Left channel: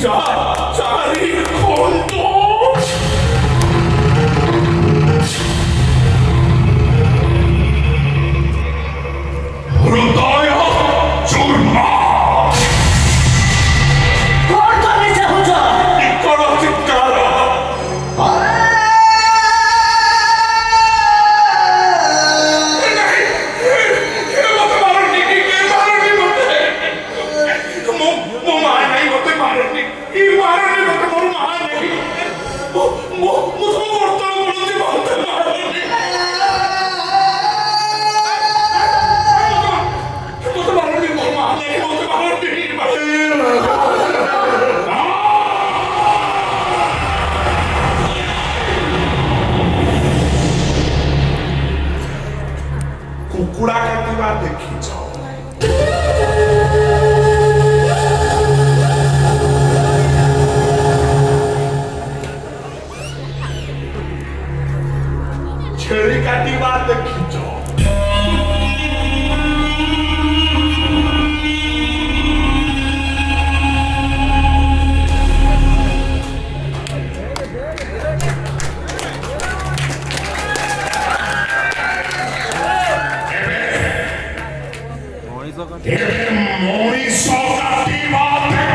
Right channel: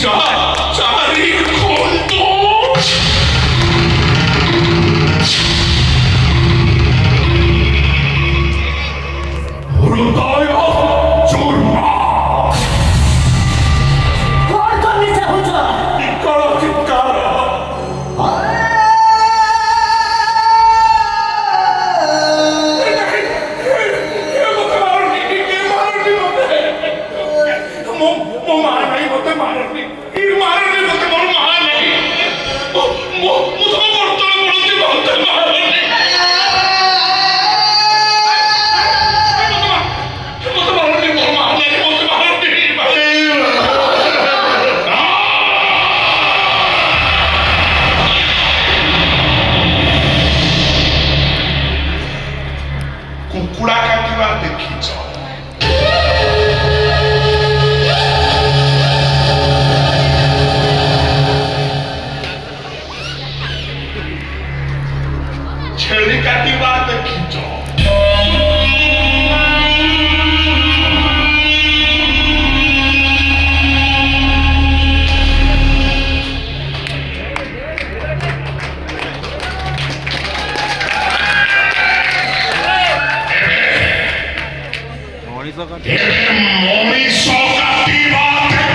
자리 곤도 오르다야 줄마 Porta-me essa rojão! 이끌어진 까라 Cucura cattiva de Kicho. Cherry cattiva de Kicho. Demonizo cattiva de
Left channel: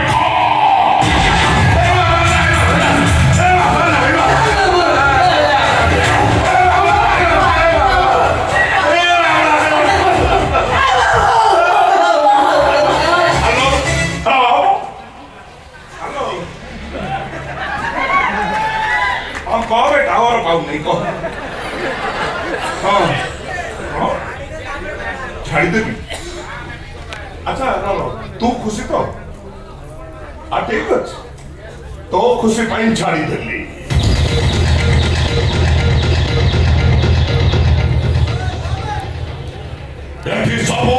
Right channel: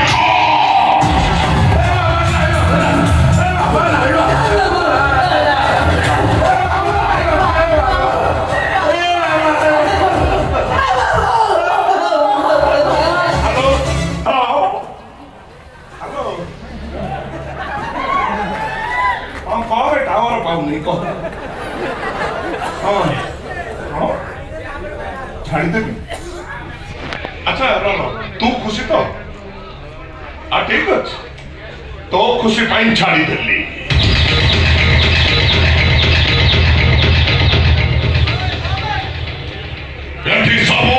có cái tao ở phòng này con ছাড়িদেবি আচ্ছা তু খুশি তো ঠিক আছে তো খুশি পাই ছাড়িদেলি এটি সব